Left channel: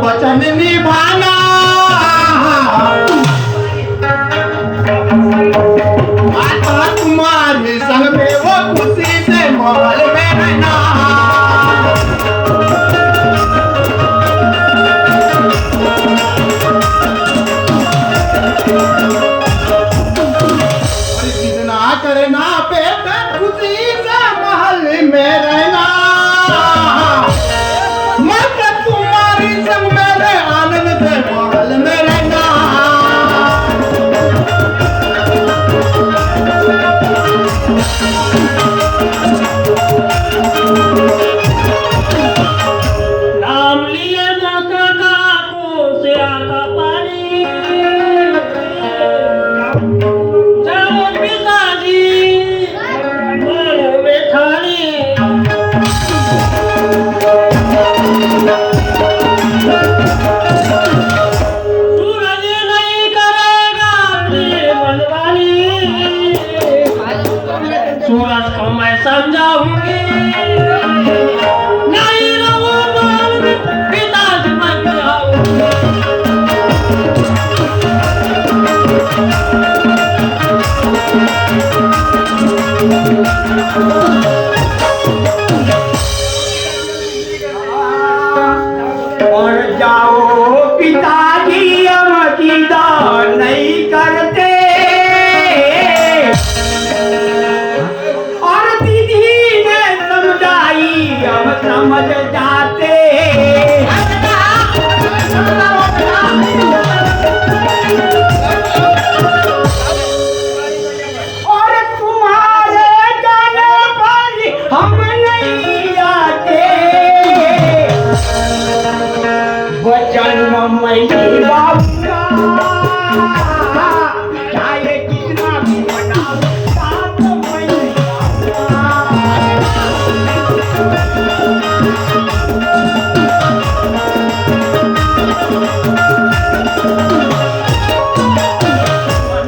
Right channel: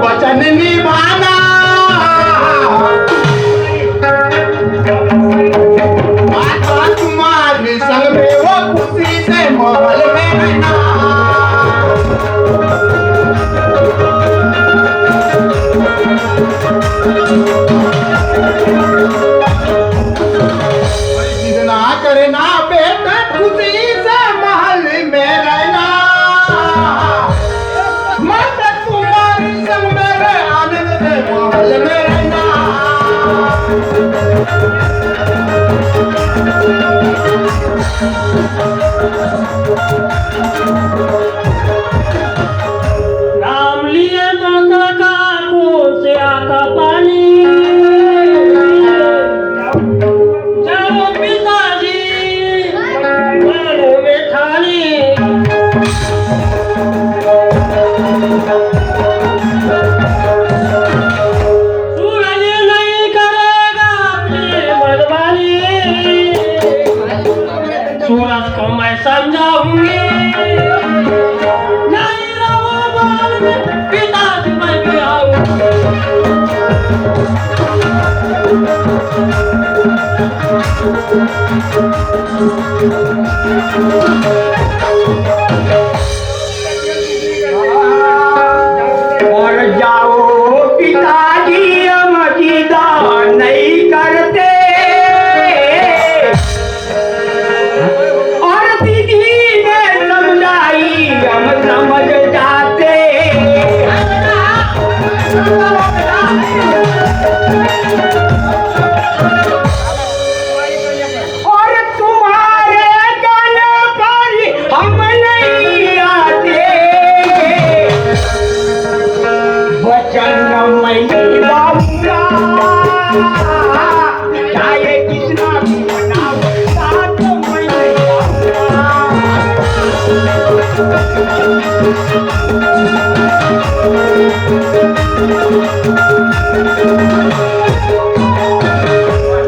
वचन निभाना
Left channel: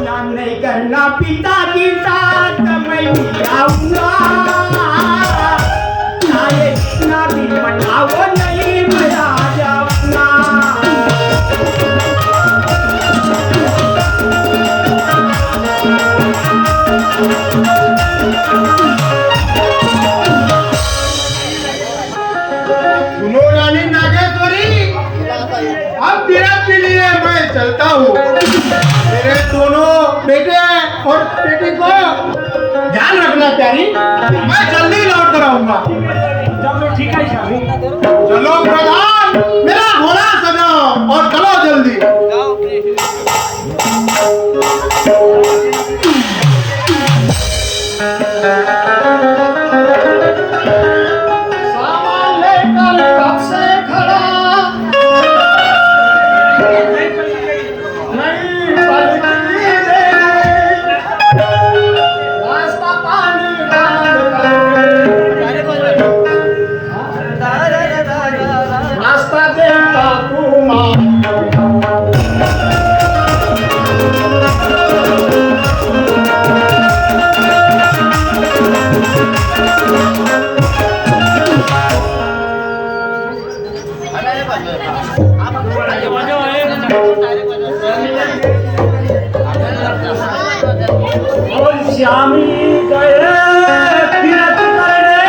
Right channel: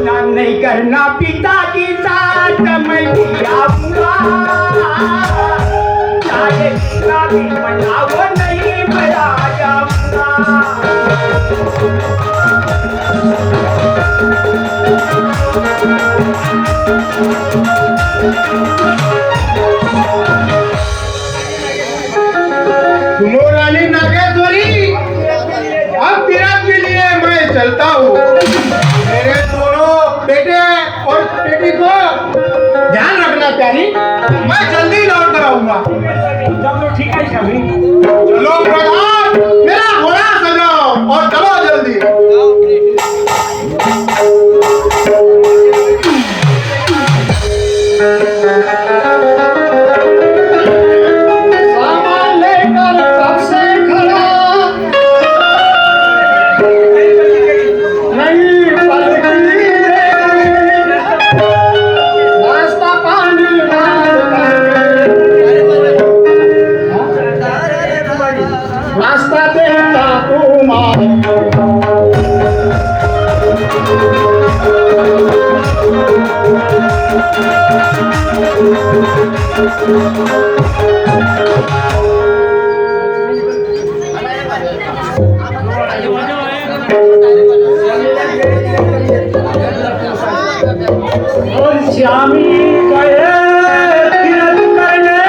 नाम नहीं करना पिताजी साथ मैं आऊंगा चाहे ना भी मनाओ नहीं मैं आ जाऊंगा सुनो रानी नागेश्वरी, अब तिरक के लिए मैं चलता हूँ। मेरे दोनों बेटे और बेटी को ध्यान रखना प्यारी, मैं जल्दी लौट कर आऊंगा। ठीक है शामी चलो प्रधान, मेरा घोड़ा सजाओ और चलो जल्दी। सामान लेकर कब से खड़ा, नहीं बल्कि नाश्ता पानी नाश्ता देता पूमा श्यामी करे फिरत करने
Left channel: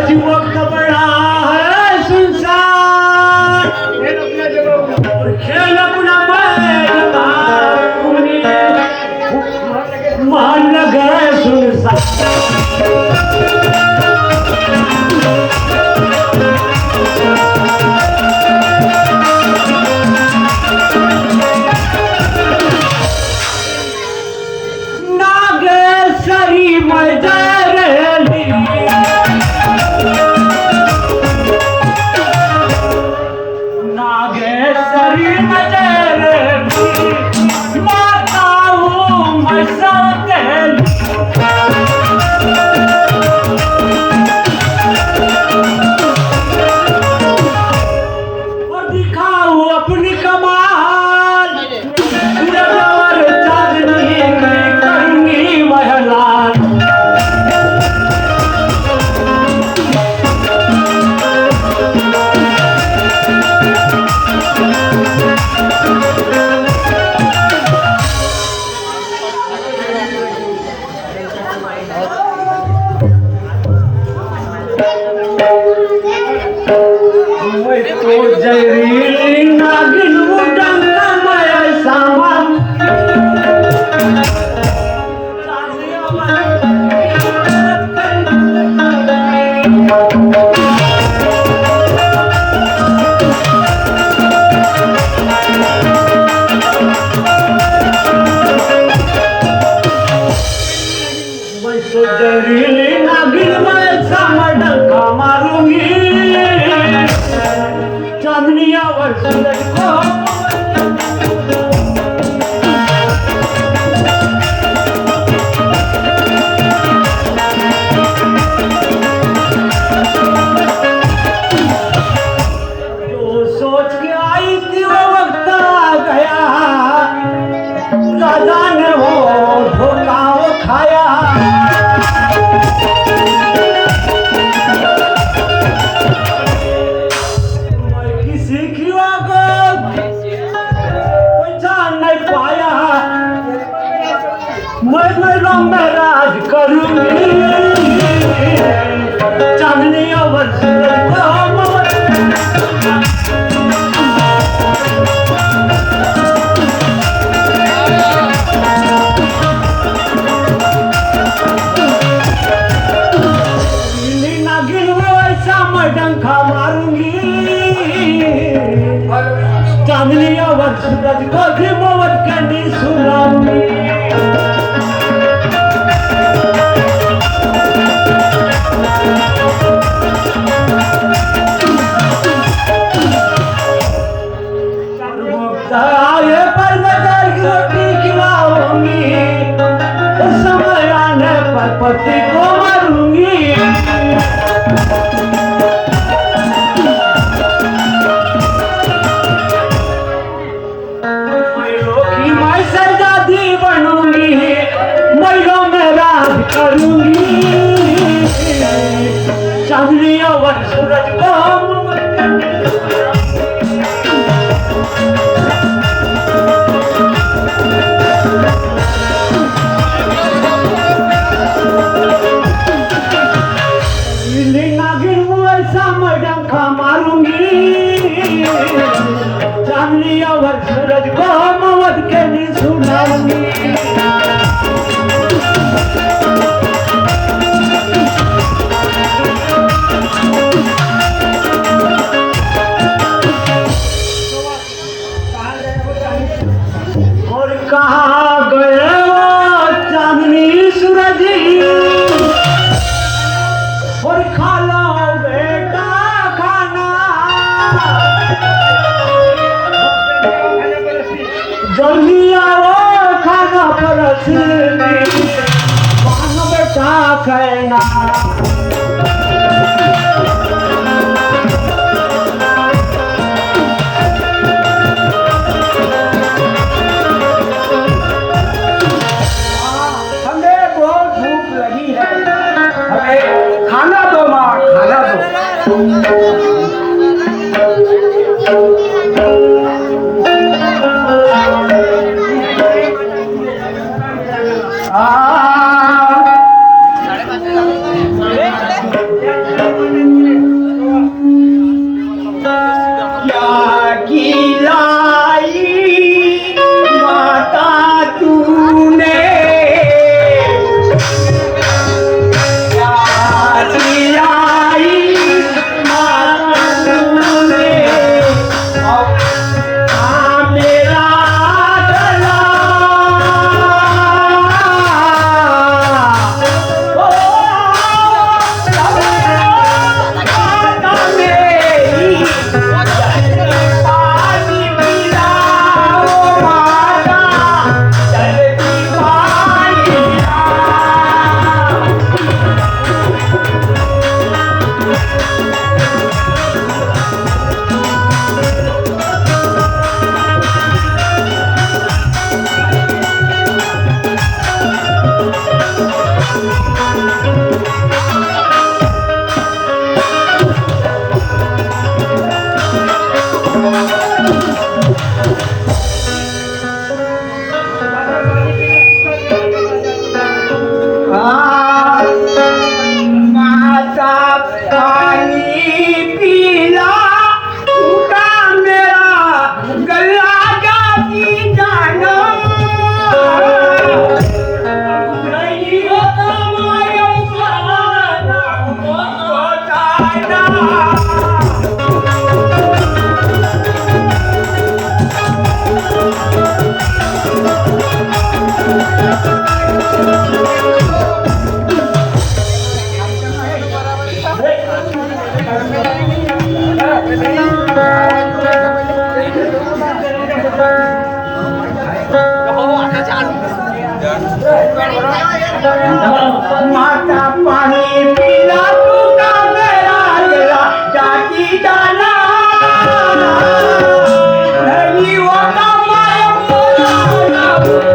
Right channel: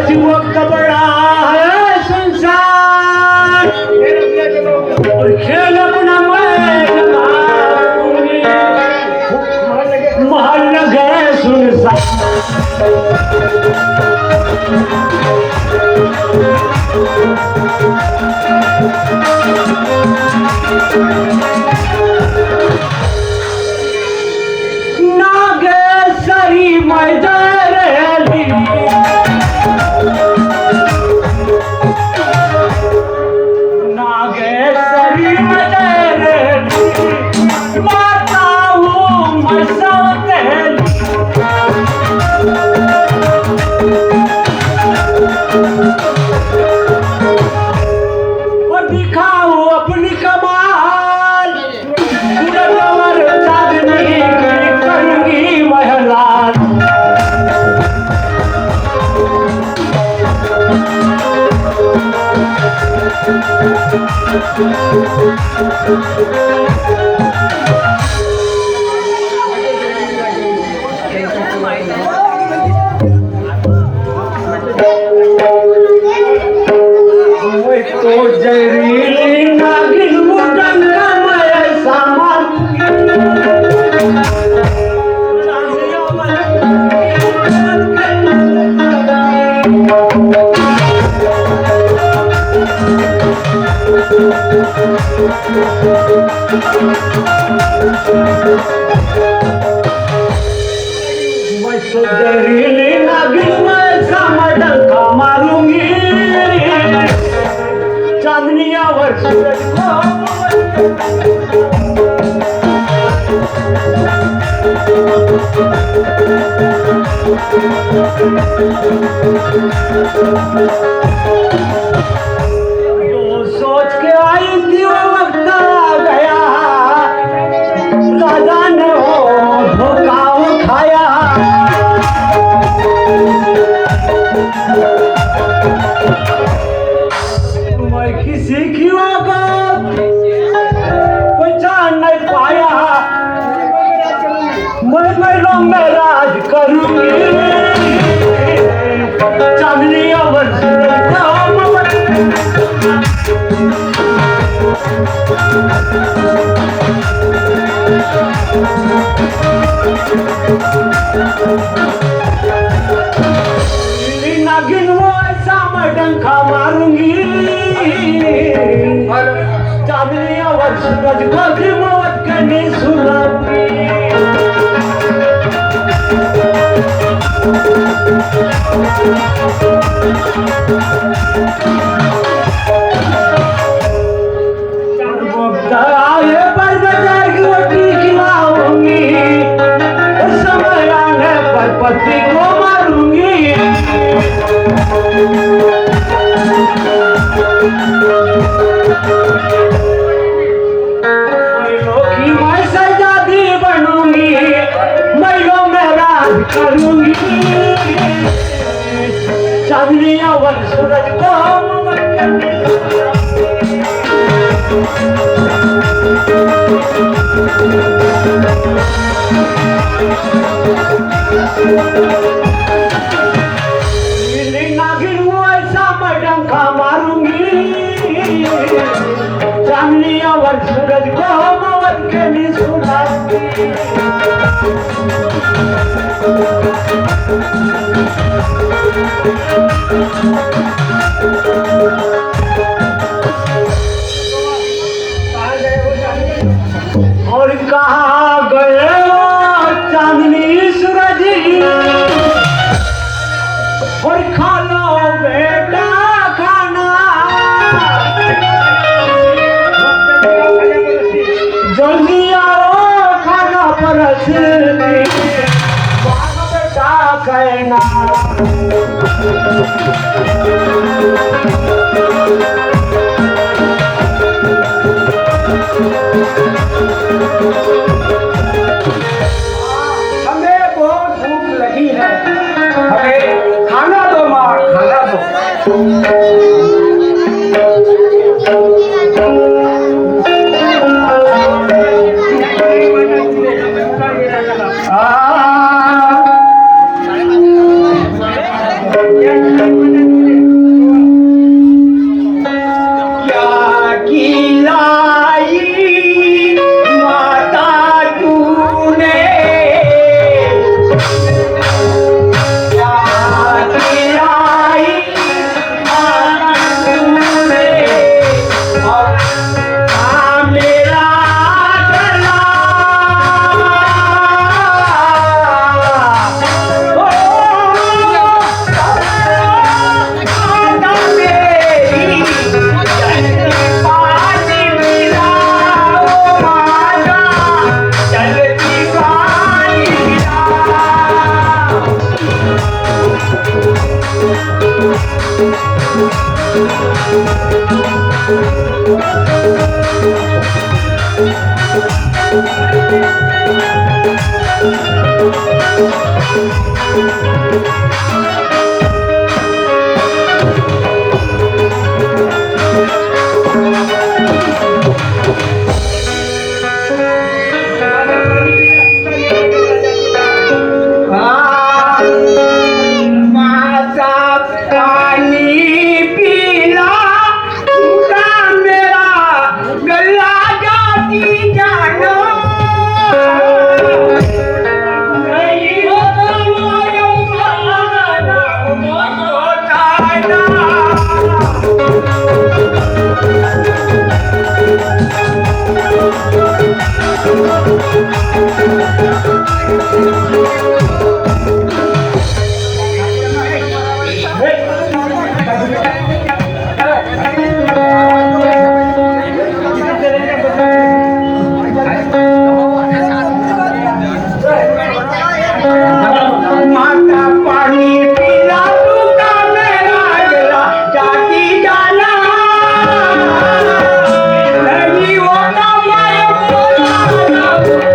अजी वक्त बड़ा है संसार और खेल अपना महल न गए सुनसान नागेश्वरी मैदारली नागेश्वरी मैदारली बताओ मैं सौतेली और दिखाओ अपनी कमाल सूरज और चांदनी की करूंगी महलाल तो जरीली नागिन मुंडन मैं सामान जरीली नागिन मैं सामान डंका मारूंगी चांदनियावर सूरज को जो सोच के आई थी वो वक्त आ गया राजा ने वो धोखा वो खाया मैं किसी की पहचान नहीं पाया मैं रंग में राज करूंगी चांदनी नागिन वो ऐसा मैं डंका मारूंगी चांदनी सूरज को घिमोवत के नहीं सुनाऊंगी समय आने पर पति को मारूंगी मारूंगी चांदनियावर सूरज को नागिन वैसा मैं डंका मारूंगी चांदनियावर सूरज को मौत के नी सुनाऊंगी और कहाँ गए चांदनी सूरज और खा लो बेटा खाना जल्दी आओ खाना परसने खाना बेटा खाना हमें बहुत भूख लगी है हमें खाना दो माँ खाना दो क्या खिलाई माता तूने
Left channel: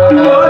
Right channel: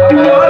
Thank you.